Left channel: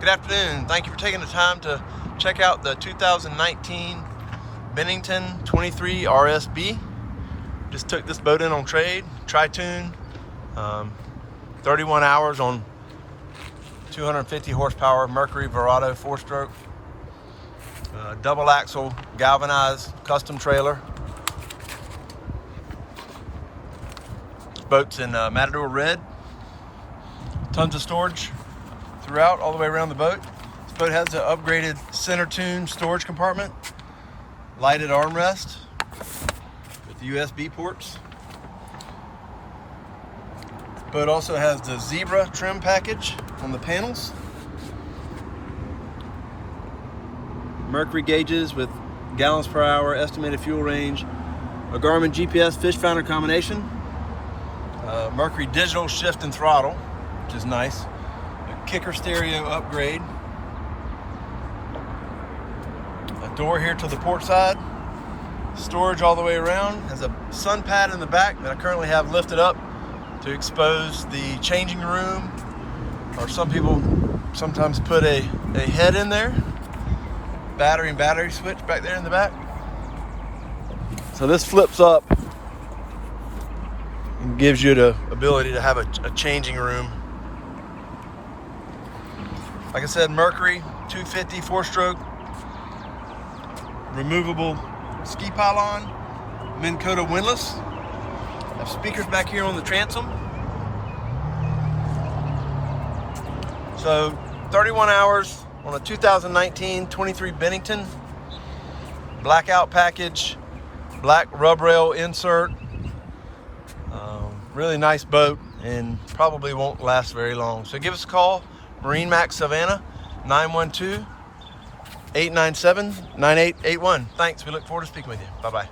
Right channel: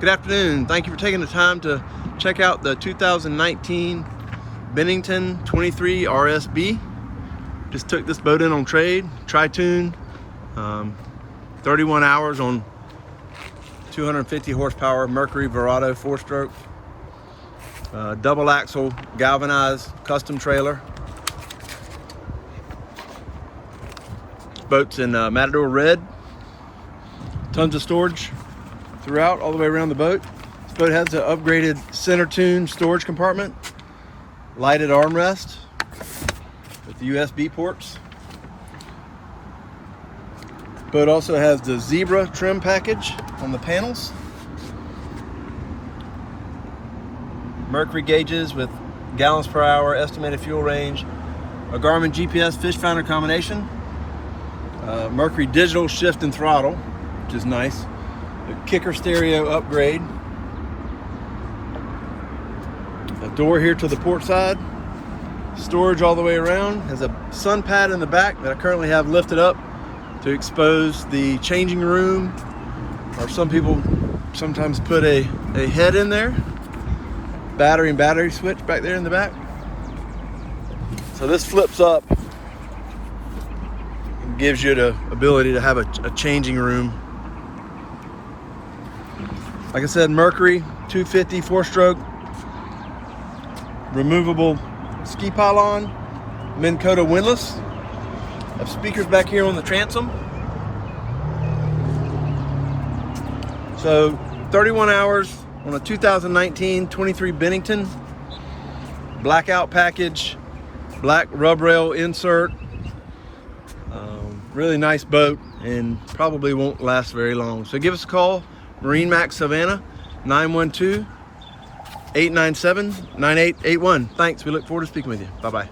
Good afternoon. Thank you for taking the time to check out the 2019 Bennington 23 RSB. Just took this boat in on trade, tri-tune, 31 hours on 250 horsepower Mercury Verado 4-stroke, double axle galvanized custom trailer. This boat's in Matador red. Tons of storage throughout, all the way around the boat. This boat has the upgraded center tune storage compartment, lighted armrest with the USB ports. This boat also has the zebra trim package on the panels, Mercury gauges with gallons per hour, estimated fuel range, a Garmin GPS fish finder combination, Mercury digital shift and throttle, which is nice. The kicker stereo upgrade. A door here to the port side. Storage all the way around. Has a sun pad in the back that I currently have lifted up to expose the changing room, or some people sometimes put a head in there. Battery and battery switch back there in the back. So this flips up and gives you the ability to have a changing room. Like I said, Mercury 250 4-stroke, removable ski pylon, Minn Kota windlass. Have speakers back here on the transom. So 31 hours on a 2019 23 Bennington, blackout package, black rub rail insert. Really nice boat and probably won't last very long. So give us a call. MarineMax Savannah, 912-897-9881. Thanks, we look forward to speaking with you. Bye-bye.